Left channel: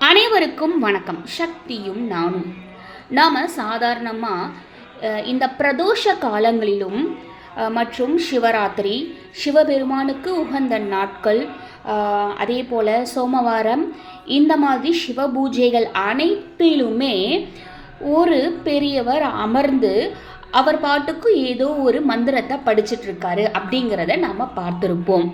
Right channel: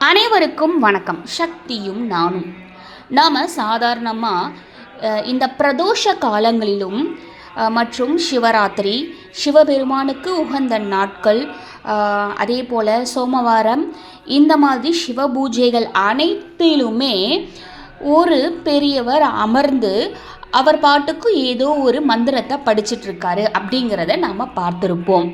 அனைவருக்கும் வணக்கம். சக்தியும் நானும். நாம் சாதாரணமாக இந்த பிரதோஷ காலங்களிலும் மற்றும் சிவராத்திரி சிவபெருமானுக்கு உகந்த நாட்கள் அதே போல் சோமவாரம் இந்த மாதிரி சிவ பூஜைகள் அனைத்திலுமே ஒரு பெரியவர் அமர்ந்து அவர் பாட்டுக்கு ஏதோ ஒரு மந்திரத்தை படிச்சிட்ருக்காரு அப்படிங்கிறத நாம் பார்த்துருப்போம்.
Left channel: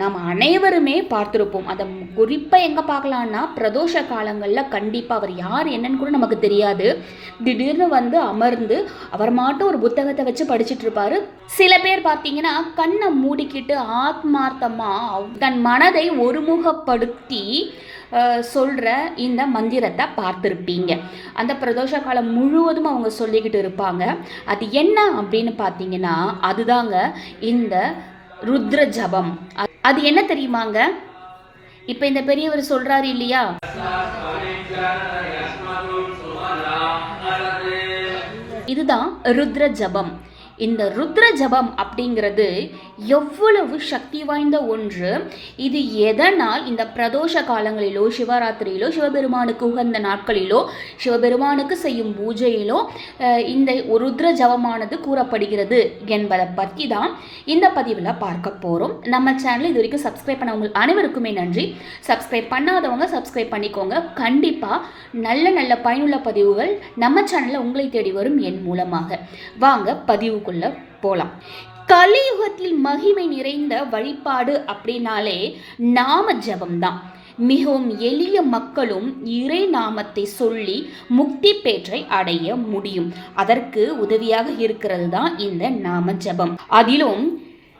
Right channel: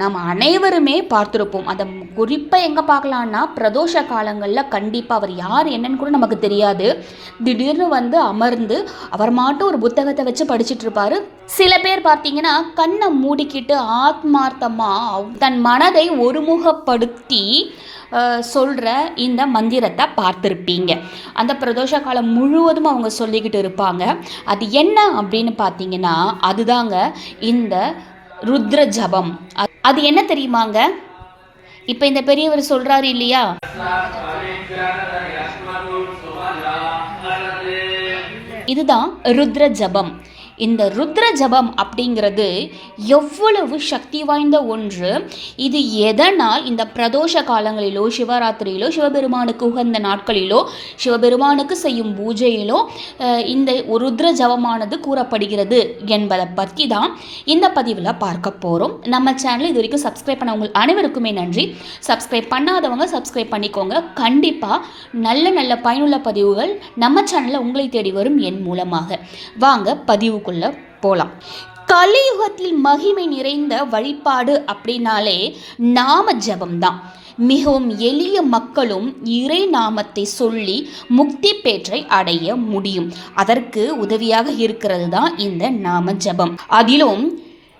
நாம் அனைவருமே பார்த்துருப்போம். அதை குறிப்பாக எங்கே பார்க்கலான்னா பிரதோஷ காலங்களில் கண்டிப்பாக அவர் யார் என்னன்னு கூட நமக்கு தெரியாது. திடீர்னு வந்து அமர்ந்து அவர் மாட்டும் ஒரு புத்தகத்தை வச்சு படிச்சிட்டு இருப்பார். சில பேர் பார்த்தீங்கன்னா கண்ணை மூடிக்கிட்டு ஆத்மார்த்தமாக தன் மனதை ஒருமுகப்படுத்தி சொல்கிற இந்த மந்திரத்தை பார்த்துருப்பீங்க. அந்த பிரதோஷ காலம் முழுவதும் அவங்க சொல்லிக்கிட்டு இருப்பாங்க. அது என்ன அப்படின்னு பார்த்தீங்கன்னா அதுதாங்க இந்த ருத்ர ஜபம். அது அது என்ன தெரியுமாங்க? இப்போ இந்த பெரியவர் சொல்றாரு இல்லையா? இதுதான் ருத்ர ஜபம் இந்த ருத்ர ஜபம் அப்படிங்கிறது எவ்வளவு சக்தி வாய்ந்த ஒன்று. இது எதனால்? இந்த பிரதோஷ காலங்களிலோ சிவராத்திரியிலோ சிவபெருமானுக்கு உகந்த நாட்களிலோ சிவபெருமானுக்கு செய்யும் பூஜையிலோ இந்த ருத்ர ஜபமானது கூறப்படுகிறது என்பதை பற்றி தான் இந்த பதிவில் பார்க்க போகிறோம் நம்ம சேனல் இது வரைக்கும் சப்ஸ்கிரைப் பண்ணவங்க அனைவருக்குமே நன்றி. சப்ஸ்கிரைப் பண்ணாதவங்க சப்ஸ்கிரைப் பண்ணிக்கோங்க. கண்டிப்பாக நல்ல நல்ல பயனுள்ள பதிவுகள் நம்ம சேனலில் உங்களை தேடி வரும் என் மூலமாக. வாங்க பதிவு பதிவுக்குள்ள போகலாம் கலியுகத்தில் மகிமை நிறைந்த வழிபாடு அப்படின்னாலே நாம ஜபம்தான் மிகவும் எளிய மக்களும் இறை நாமத்தை சொல்லி முக்தி பேற்றை அடைய முடியும். அதற்கு உதவியாக இருக்கிறது தான் இந்த நாம ஜபம். அதிலும்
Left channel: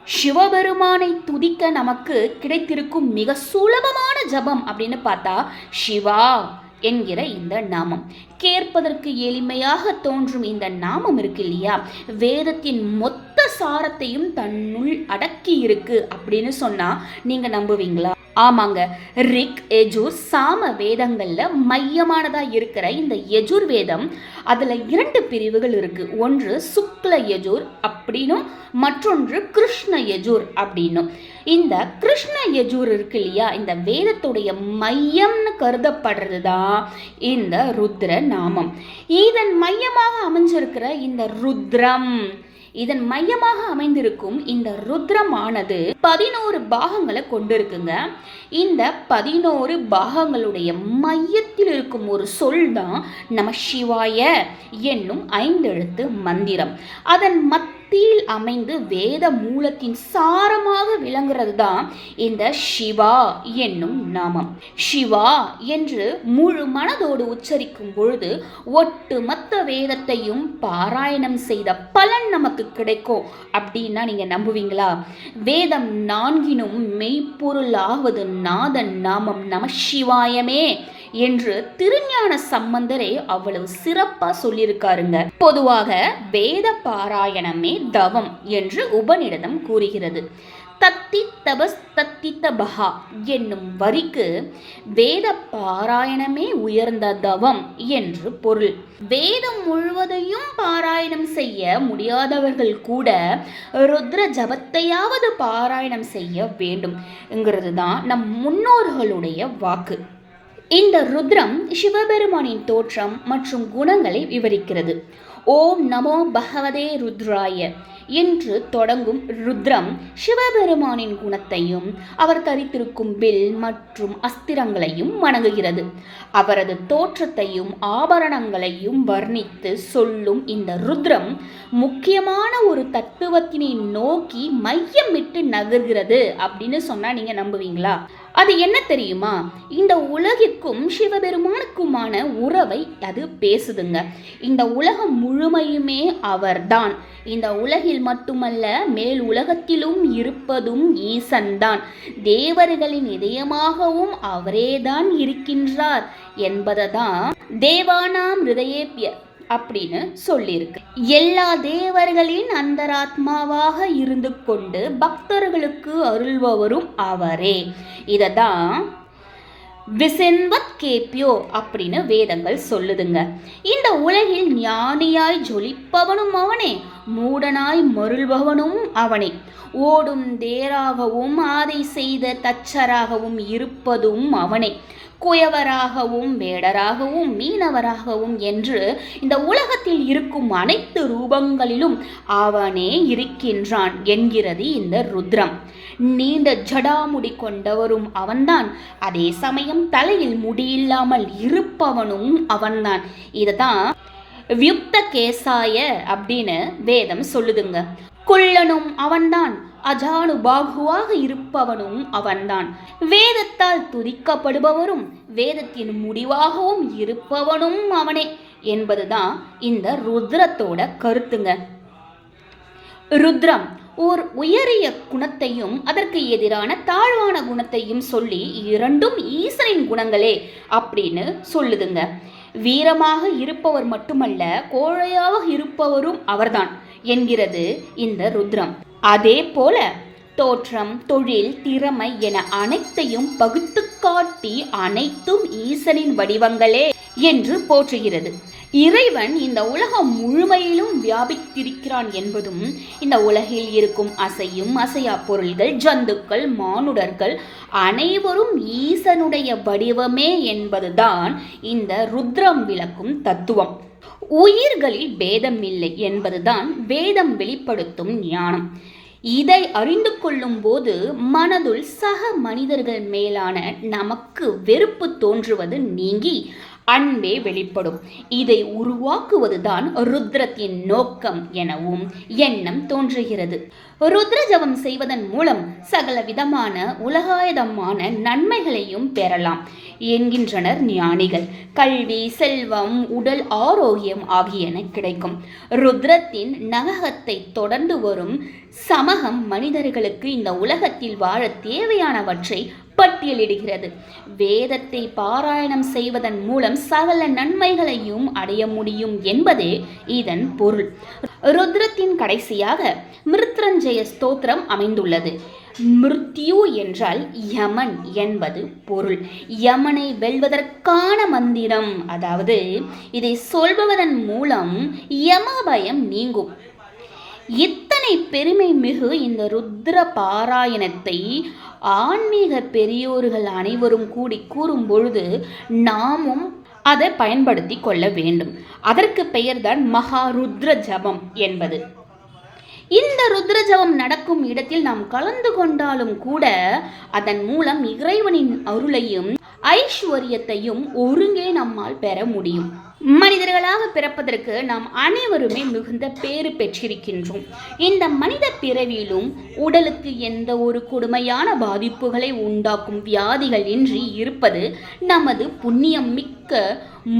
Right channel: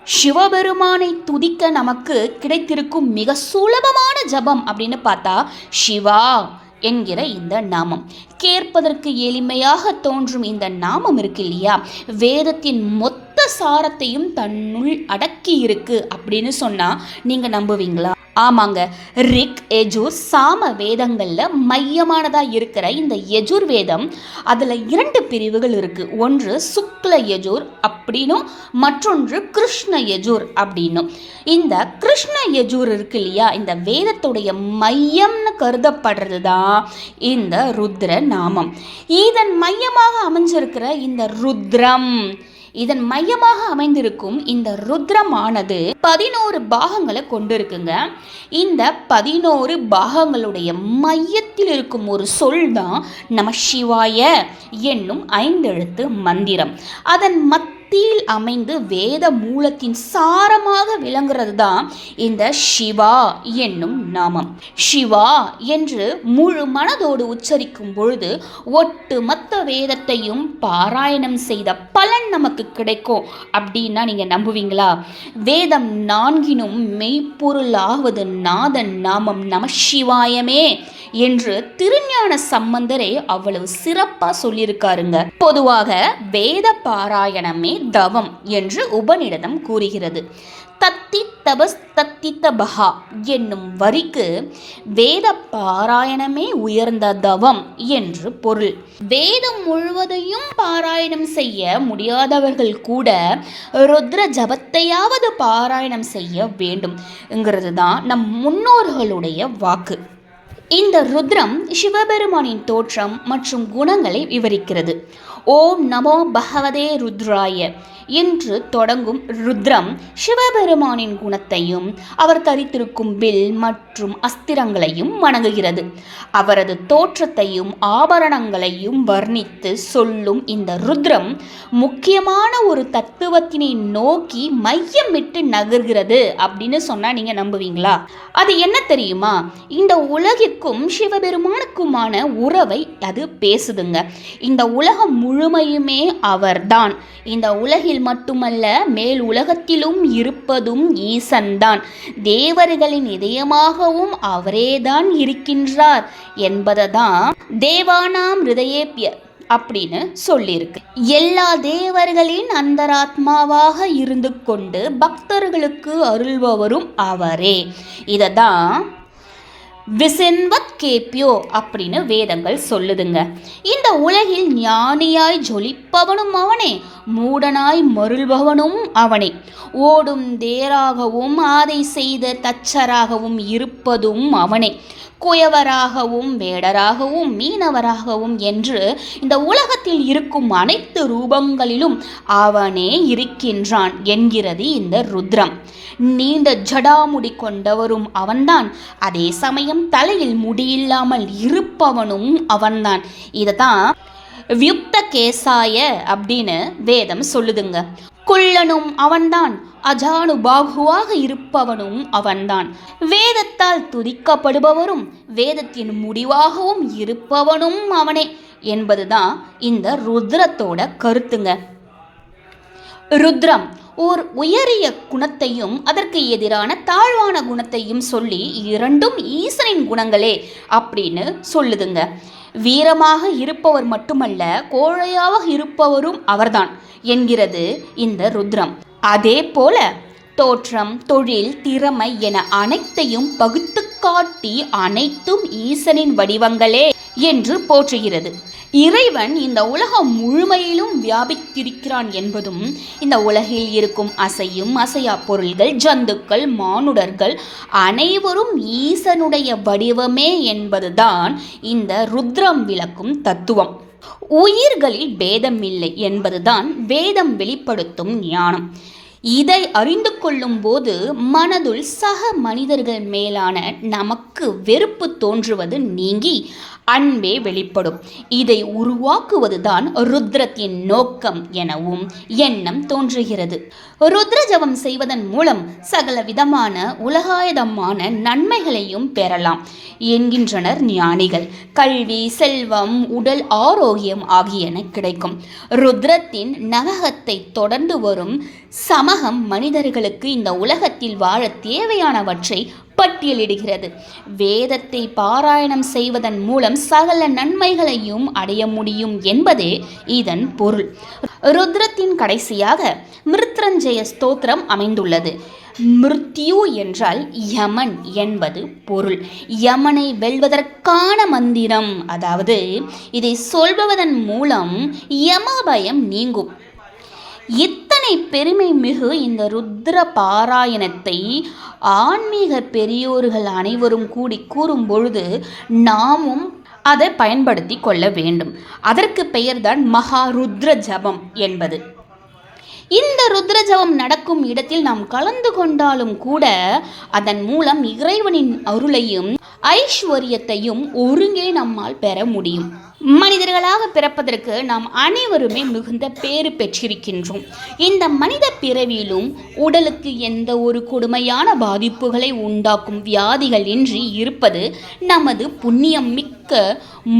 சிவபெருமானை துதிக்க நமக்கு கிடைத்திருக்கும் மிக சுலபமான ஜபம் அப்படின்னு பார்த்தா சிவா என்கிற இந்த நாமம். கேட்பதற்கு எளிமையாக தோன்றும் இந்த நாமம் இருக்கு இல்லையா? வேதத்தின் மொத்த சாரத்தையும் தன்னுள் அடக்கி இருக்கு அப்படின்னு சொன்னா நீங்க நம்புவீங்களா? ஆமாங்க. ரிக் எஜூர் சாம வேதங்களில் மையமானதாக இருக்கிற இந்த எஜூர் வேதம் அதில் இரண்டு பிரிவுகள் இருக்குது ஒன்று சுக்ல எஜூர் அப்படின்னும் மற்றொன்று கிருஷ்ண எஜூர் அப்படின்னும். இந்த கிருஷ்ண எஜூர் இருக்கு இல்லையா? இந்த வேதத்துடைய மையம்னு கருதப்படுறது தான் இந்த ருத்ர நாமம் இதன் மையமாக அமைஞ்சிருக்கிற இந்த ருத்ரம் இதன் மையமாக அமைந்திருக்கும் இந்த ருத்ரமானது பதினோரு பாகங்களை கொண்டிருக்குங்க. இந்த பதினோரு பாகங்களுடைய மையத்தில் இருக்கும் ஒரு சொல் தான் நம சிவாய என்னும் ஐந்தெழுத்து மந்திரம். அதன் மத்தியில் அமைந்து வேத மூலத்தின் சாரமாக விளங்குறது தான் இந்த சிவா என்னும் நாமம். சிவா என்று முழு மனதோடு உச்சரிக்கும் பொழுது ஒட்டுமொத்த வேதத்தையும் பாராயணம் செய்த பலன் நமக்கு கிடைக்கும் அப்படின்னா நீங்கள் நம்புவீங்களா? வேதம் நான்கினும் மெய்ப்பொருளாவது நாதன் நாமம் நம சிவாயமே என்று திருஞான சம்பந்தரே அவ்வளவு சிறப்பாக சொல்லியிருக்காருங்க. பொதுவாக வேத பாராயணமே தவம் என்று உபநிடதம் கூறுகிறது. தத்தி தபஸ் தத்தி தபஹா என்னும் வரிக்கு வேத பாராயணமே உயர்ந்த தவம் என்று பொருள். வேதம் முழுவதையும் பாராயணம் செய்ய முடியாதவர்கள் கூட ருத்ர ஜபத்தையாவது பாராயணம் செய்ய வேண்டும்ங்கிறது தான் நம் முன்னோர்களுடைய வாக்கு. இந்த ருத்ரம் சிவபெருமானின் தோற்றம் மற்றும் குணங்களை விவரிக்கிறது. ஓம் நமோ பகவதே ருத்ராய. என்று தொடங்கும் ருத்ரம் சிவபெருமானின் குணத்தையும் அவர் தரித்திருக்கும் வில் மற்றும் அஸ்திரங்களையும் வணங்குகிறது. அவரது தோற்றத்தையும் ஆபரணங்களையும் வர்ணித்து சொல்லும் இந்த ருத்ரம் முக்கியமான ஒரு தத்துவத்தினை நோக்கி மையமிட்டு நகர்கிறது அப்படின்னு சொன்னா நீங்க நம்புவீங்களா? அது என்ன தெரியுமா? இந்த உலகிற்கும் சிவபெருமானுக்குமான உறவை அது பேசுதுங்க. இந்த உலகம் முழுமையுமே அவர்தான். இந்த உலகில் மட்டுமல்ல மேல் உலகத்திலும் இருப்பதும் ஈசன்தான். தேவர்களின் இதயமாகவும் அவரேதான் இருக்கின்றார் என்பதை தான் தேவானாம் ஹிருதயேபிய அப்படின்னு சொல்லியிருக்கு. எல்லா தேவர்களின் அந்தராத்மாவாக இருந்து கொண்டு பக்தர்களுக்கு அருள்பவரும் அவரே. இதை தான் விசென்வத் கேப்பியோ அப்படின்னு வேதங்கள் சொல்லுதுங்க. இந்த உலகில் ஞானியாய் ஜொலிப்பவனுமானே மூடனாய் மருள்பவனும் அவனே. ஓடும் தேராகவும் ஆதை செய்த தச்சராகவும் இருப்பதும் அவனே. குயவராகவும் வேடராகவும் மீனவராகவும் என்று இந்த உலகத்தில் இருக்கும் அனைத்து ரூபங்களிலும் அவனே இருக்கின்றான் என்கிறது இந்த ருத்ரம். நீண்ட ஜடாமுடி கொண்டவரும் அவன்தான். அதே சமயம் தலையில் முடியில்லாமல் இருப்பவனும் அவன்தான். இதை தான் வியுக்த கேசாய அப்படின்னு வேதம் சொல்லுதுங்க. குள்ளனும் அவன்தான் அஜானு பாகுவாக இருப்பவனும் அவன்தான். வேதத்தால் துதிக்கப்படுபவரும் வேதத்தின் முடிவாகவும் இருப்பவனும் அவனே என்பதுதான் இந்த ருத்ரத்தோட கருத்துங்க. ருத்ரம் ஓர் உயரிய குணத்தையும் அதற்கு எதிரான தாழ்வான குணத்தையும் சொல்லி இரண்டும் ஈசனின் குணங்களே அப்படின்னு சொல்லுதுங்க. வீரமாக இருப்பவர் மட்டுமல்ல கோழையாக இருப்பவரும் அவர்தான் என்கிறது இந்த ருத்ரம். அதே போல தோற்றம் தொழில் திறமை என அனைத்தையும் பகுத்து காட்டி அனைத்தும் ஈசனின் வடிவங்களே. என்று போற்றுகிறது. இறைவன் இந்த உலகம் முழுமையிலும் வியாபித்திருக்கிறான் என்பதும் இந்த உலகில் இருக்கும் அசையும் அசையா பொருள்கள் ஜந்துக்கள் மானுடர்கள் அனைவரும் ஈசனுடைய வடிவமே என்பதுதான் இந்த ருத்ரம் விளக்கும் தத்துவம். உயிர்களில் பேதம் இல்லை என்பதுதான் வேதம் வெளிப்படுத்தும் ஞானம். இதை அறிந்து கொள்ளும் போது மனதுள் சக மனிதர்கள் மேலான நமக்கு வெறுப்பு தோன்றுவது நீங்கி அன்பே வெளிப்படும். இதை உருவாக்குவதுதான் ருத்ரத்தின் நோக்கம் எனவும் எண்ணம் தோன்றுகிறது. ருத்ர ஜபம் செய்வதன் மூலம் சகல விதமான உலகாயதமான நன்மைகளையும் பெறலாம். என்கின்றனர் ஞானிகள். கல்வி செல்வம் உடல் ஆரோக்கியம் ஆகியன கிடைக்கும். ருத்ரத்தின் நககத்தை தொடர்ந்து வரும் சமகம் மனிதர்களுக்கு இந்த உலகத்தில் வாழ தேவையானவற்றை பட்டியலிடுகிறது வேதத்தை பாராயணம் செய்வதன் மூலம் சகல நன்மைகளையும் அடைய முடியும் என்பதே இதன் பொருள். ருத்ரத்தின் கடைசியாக மிருத்ரஞ்சய ஸ்தோத்திரம் அமைந்துள்ளது. மிருத்யு என்றால் யமன் என்பது பொருள். யமனை வெல்வதற்கான மந்திரம் அதாவது இதை சொல்பவதன் மூலம் யமபயம் நீங்கும். இத்தனை பெருமை மிகு இந்த ருத்ர பாராயணத்தை ஆன்மீக பெரியோர்கள் அனைவரும் கூடி கூறும் பொழுது நாமும் அதை பயன்படுத்தி கொள்ள வேண்டும். அதற்கு பெயர்தான் மகா ருத்ர ஜபம் என்பது. இந்த ருத்ர ஜபம் நடக்கும் இடத்தில் நாம் கலந்து கொண்டாலும் கூட அதன் மூலம் இறைவனின் அருளையும் ஐஸ்வர்யத்தையும் ஒருங்கே நம்மால் பெற முடியும். மனிதர்களாக பிறப்பதற்கு நாம் அனைவருமே மிகுந்த பேறு பெற்றிருக்கின்றோம். இந்த மனித பிறவியிலும் உடலுக்கு எந்த ஒரு கொடுமையான பாதிப்புகளை உண்டாக்கும் வியாதிகள் இன்றி இருப்பது நமது புண்ணியம் மிக்க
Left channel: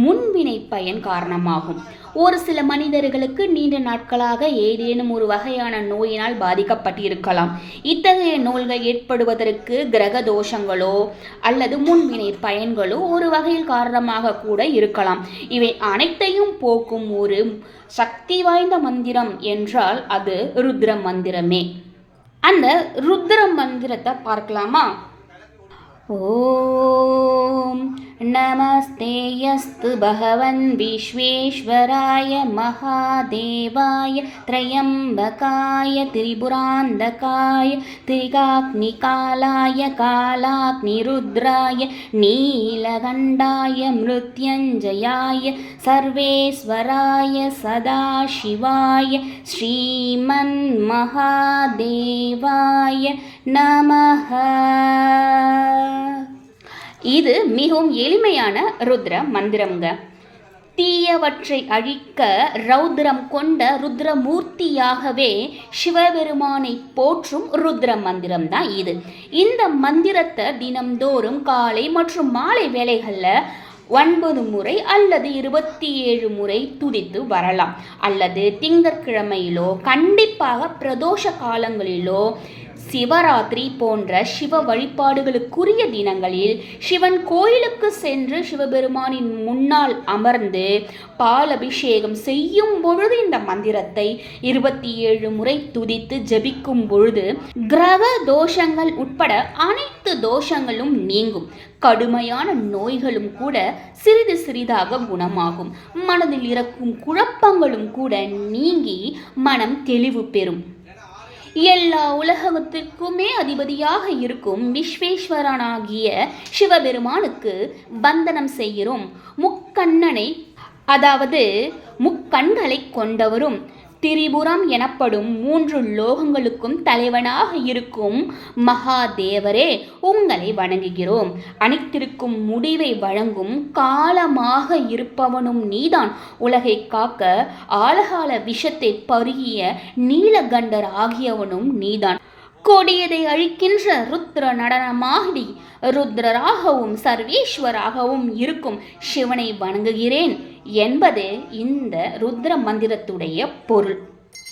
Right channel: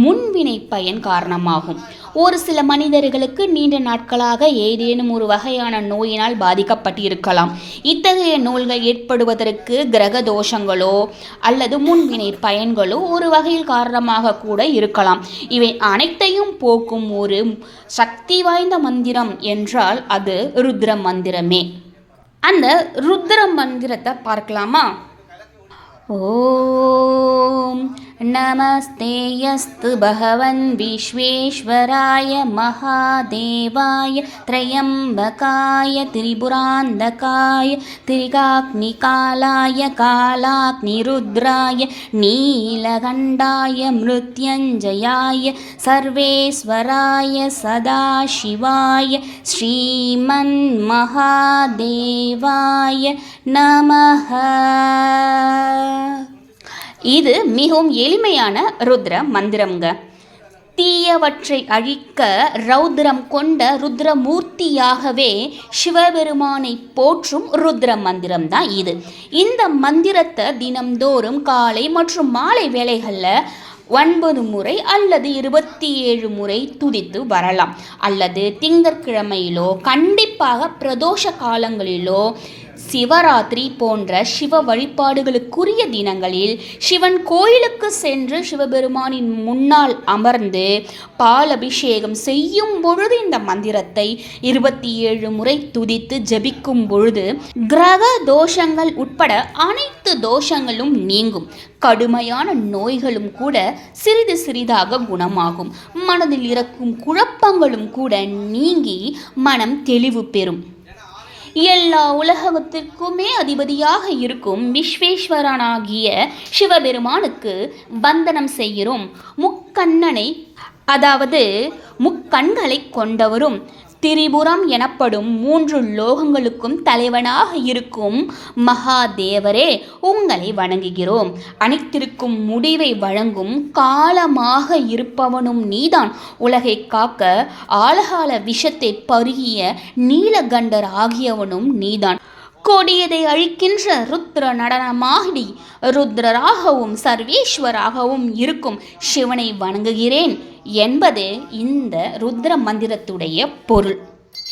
முன்வினை பயன் காரணமாகும். ஒரு சில மனிதர்களுக்கு நீண்ட நாட்களாக ஏதேனும் ஒரு வகையான நோயினால் பாதிக்கப்பட்டிருக்கலாம். இத்தகைய நோய்கள் ஏற்படுவதற்கு கிரக தோஷங்களோ அல்லது முன்வினை பயன்களும் ஒரு வகையில் காரணமாக கூட இருக்கலாம். இவை அனைத்தையும் போக்கும் ஒரு சக்தி வாய்ந்த மந்திரம் என்றால் அது ருத்ர மந்திரமே. அந்த ருத்ர மந்திரத்தை பார்க்கலாமா? ॐ नमस्ते यस्तु भगवन् विश्वेश्वराय महादेवाय त्र्यम्बकाय त्रिपुरान्धकाय त्रिकाग्निकालाय कालाग्निरुद्राय नीलखण्डाय मृत्यञ्जयाय सर्वेश्वराय सदाशिवाय श्रीमन्महादेवाय नमः இது மிகவும் எளிமையான ருத்ர மந்திரம்ங்க. தீயவற்றை அழிக்க ரௌத்ரம் கொண்ட ருத்ரமூர்த்தியாகவே சிவபெருமானை போற்றும் ருத்ர மந்திரம் தான் இது. இந்த மந்திரத்தை தினம்தோறும் காலை மற்றும் மாலை வேளைகளில் ஒன்பது முறை அல்லது இருபத்தி ஏழு முறை துதித்து வரலாம். அல்லது திங்கட்கிழமையிலோ கண்டிப்பாக பிரதோஷ காலங்களிலோ சிவராத்திரி போன்ற சிவ வழிபாடுகளுக்குரிய தினங்களில் சிவன் கோயிலுக்கு சென்று சிவபெருமானின் முன்னால் அமர்ந்து பால் அபிஷேகம் செய்யும் பொழுது இந்த மந்திரத்தை இருபத்தி ஏழு முறை துதித்து ஜபிக்கும் பொழுது கிரக தோஷங்கள் உட்பட அனைத்து தோஷங்களும் நீங்கும். கடுமையான நோய்களும் கூட சிறிது சிறிதாக குணமாகும். மனதில் இருக்கும் குழப்பங்களும் கூட நீங்கி மனம் தெளிவு பெறும். எல்லா உலகத்திற்குமே அதிபதியாக இருக்கும் விஸ்வேஸ்வரனாகிய சிவபெருமானுக்கு வந்தனம் செய்கிறோம். முக்கண்ணனை அதாவது முக்கண்களை கொண்டவரும் திரிபுரம் எனப்படும் மூன்று லோகங்களுக்கும் தலைவனாக இருக்கும் மகாதேவரே உங்களை வணங்குகிறோம். அனைத்திற்கும் முடிவை வழங்கும் காலமாக இருப்பவனும் நீதான். உலகை காக்க ஆலகால விஷத்தை பருகிய நீலகண்டர் ஆகியவனும் நீதான். கொடியதை அழிக்கின்ற ருத்ர நடனமாகி ருத்ரராகவும் சர்வேஸ்வராகவும் இருக்கும் சிவனை வணங்குகிறேன் என்பது இந்த ருத்ர மந்திரத்துடைய பொருள்.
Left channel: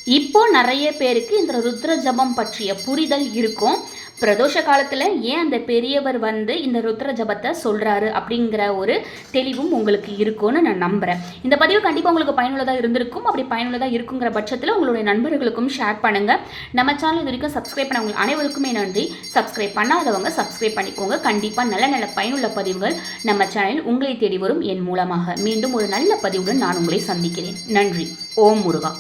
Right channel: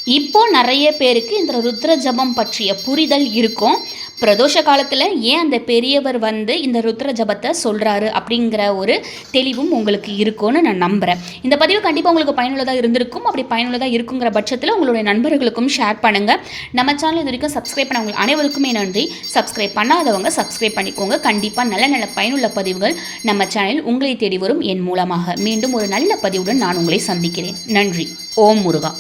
இப்போ நிறைய பேருக்கு இந்த ருத்ர ஜபம் பற்றிய புரிதல் இருக்கும். பிரதோஷ காலத்தில் ஏன் அந்த பெரியவர் வந்து இந்த ருத்ர ஜபத்தை சொல்கிறாரு அப்படிங்கிற ஒரு தெளிவும் உங்களுக்கு இருக்கும்னு நான் நம்புகிறேன் இந்த பதிவு கண்டிப்பாக உங்களுக்கு பயனுள்ளதாக இருந்திருக்கும். அப்படி பயனுள்ளதாக இருக்குங்கிற பட்சத்தில் உங்களுடைய நண்பர்களுக்கும் ஷேர் பண்ணுங்கள் நம்ம சேனல் இது வரைக்கும் சப்ஸ்கிரைப் பண்ணவங்க அனைவருக்குமே நன்றி. சப்ஸ்கிரைப் பண்ணாதவங்க சப்ஸ்கிரைப் பண்ணிக்கோங்க. கண்டிப்பாக நல்ல நல்ல பயனுள்ள பதிவுகள் நம்ம சேனல் உங்களை தேடி வரும் என் மூலமாக. மீண்டும் ஒரு நல்ல பதிவுடன் நான் உங்களை சந்திக்கிறேன். நன்றி. ஓம் முருகா.